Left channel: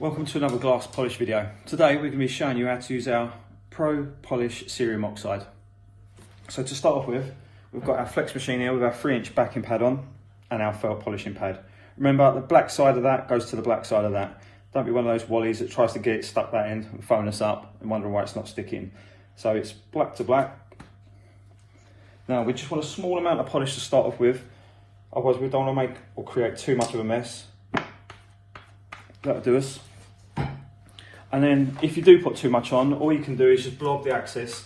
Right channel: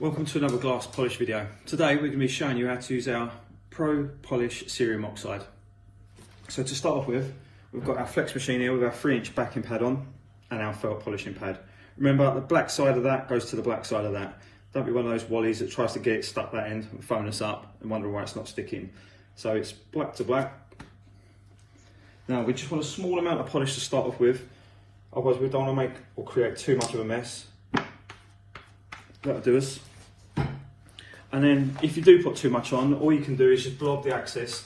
Welcome to another glass polish video. Today we're going to be showing you how to use our Pro Polish cerium oxide. So to start off with, we've got our flex machine here with our 3-inch backing pad on and our felt polishing pad. Remember, the black side of that goes to the black side of that. Don't be one of those wallies that tries to get it stuck that end and phone us up and wonder why it's not sticking. So it's black to black. Now we just want a small amount of polish to start off with, otherwise we don't want to make or create too much of a mess. That'll do us. And then if you do put too much on, all you can do is just blob the excess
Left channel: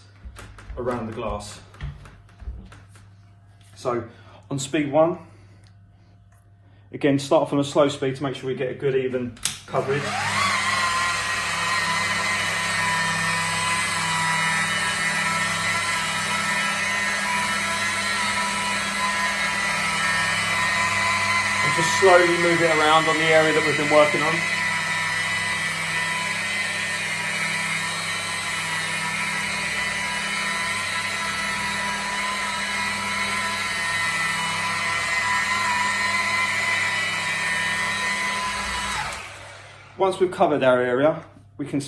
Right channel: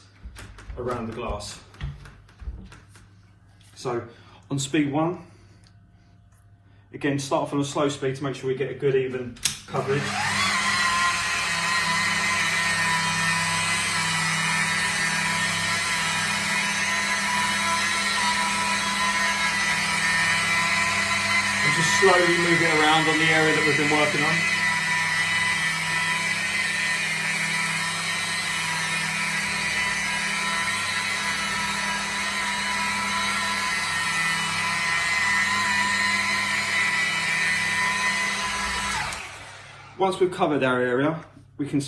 around the glass. So on speed 1, again start off on a slow speed to make sure we get a good even coverage. And just slowly move it around on the area that we've been working on. Once we've covered our area, we can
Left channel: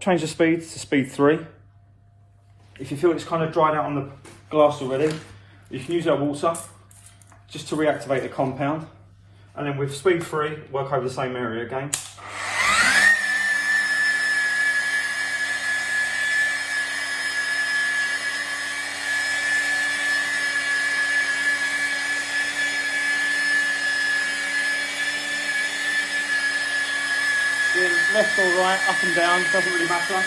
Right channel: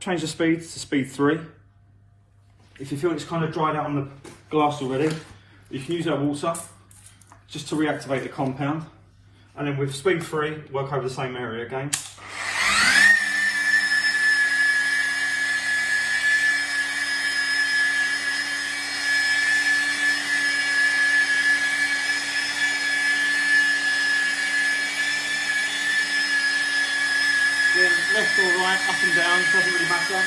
change the speed to speed 3. If you feel it's kind of dried out on the glass already, you can use our water just to reactivate the compound. And then with speed 3, work over the same area again. Left or right, up and down, doesn't really matter.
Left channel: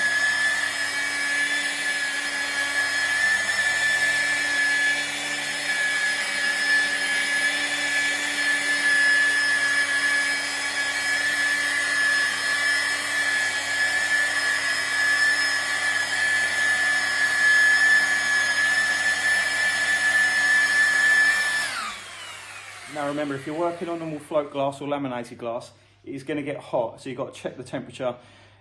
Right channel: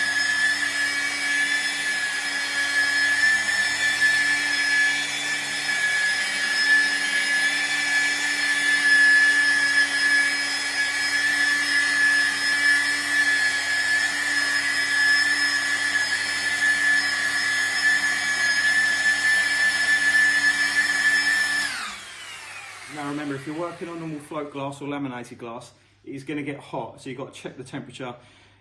Now remember, if you're working on normal float glass or laminated glass, it is going to get hot, so you've got to check the temperature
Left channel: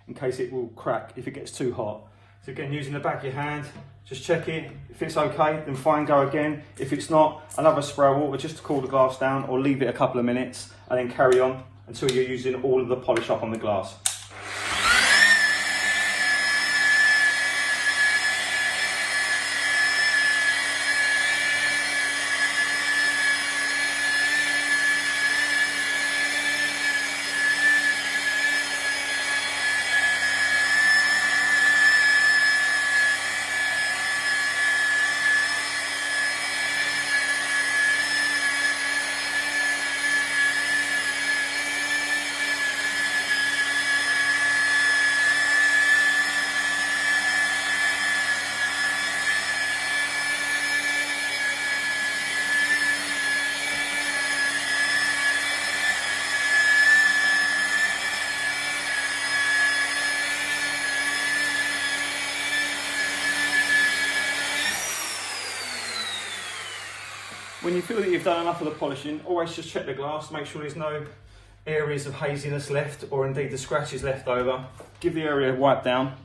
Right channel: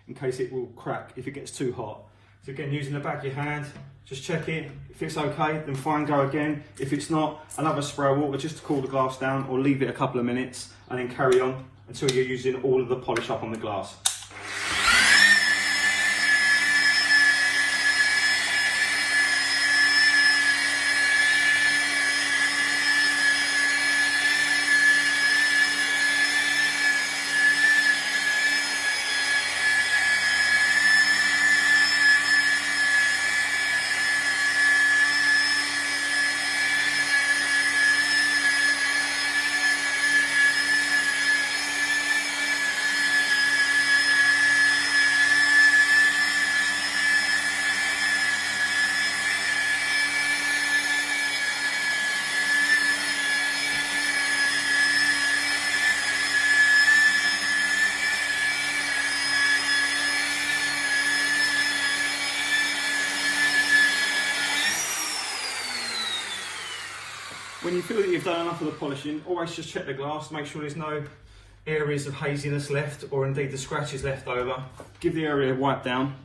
in case it will crack if it gets too hot. So again, using the back of your hand, just check it. If it's okay, then fine, go again. If it's not, another spray of water just to cool the glass down, or leave it a couple of minutes and then carry on until you're using all of the polish up on the glass. When you feel that you've done enough of the polishing, always just check the glass, make sure there's no areas of haziness left, or indeed the scratches left over. Give the area a wipe down.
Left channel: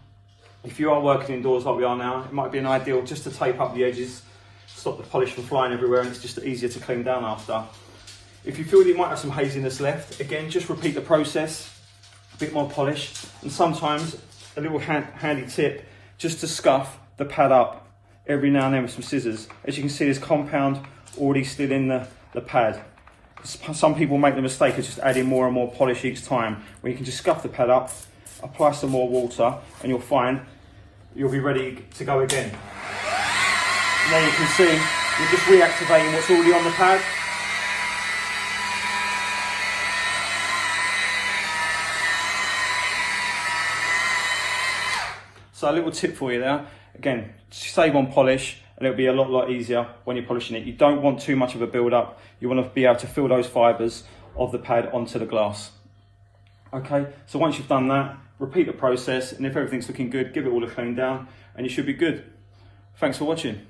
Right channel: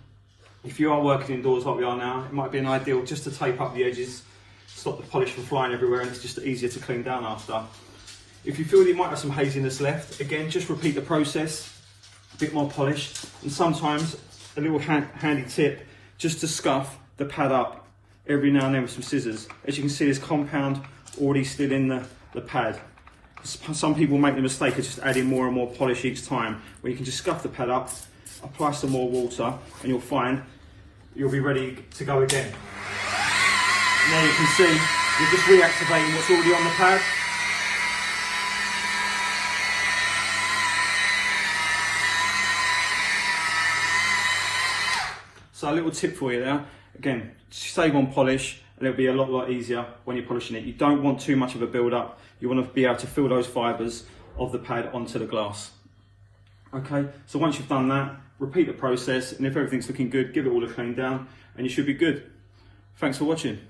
If you are working indoors like we are now, it might be an ideal just to tape up the edges, stop the polish from flying everywhere, and it's just easier to clean down after. If you feel that you might have some haziness left, again, just repeat the process, a bit more polish, and sometimes a little handy tip, just to scuff the pad up every now and then with some scissors. As you can see, there's compound already still in the pad. Some people make the mistake of just adding more and more polish each time, when you can just scuff the pad up, apply some more water, and you'll find you'll be ready to go again. And then you can see you're just reactivating what's already on the pad. So a little tip for you there, again, save on polish, and it'll be a lot easier when you're polishing it. You don't want too much of a build up. You want to be able to feel those fibres of the pad onto the glass. Okay, so once you've done that, repeat the process, and if everything's looking good, give it all a clean down, and you should be good. Thanks for watching.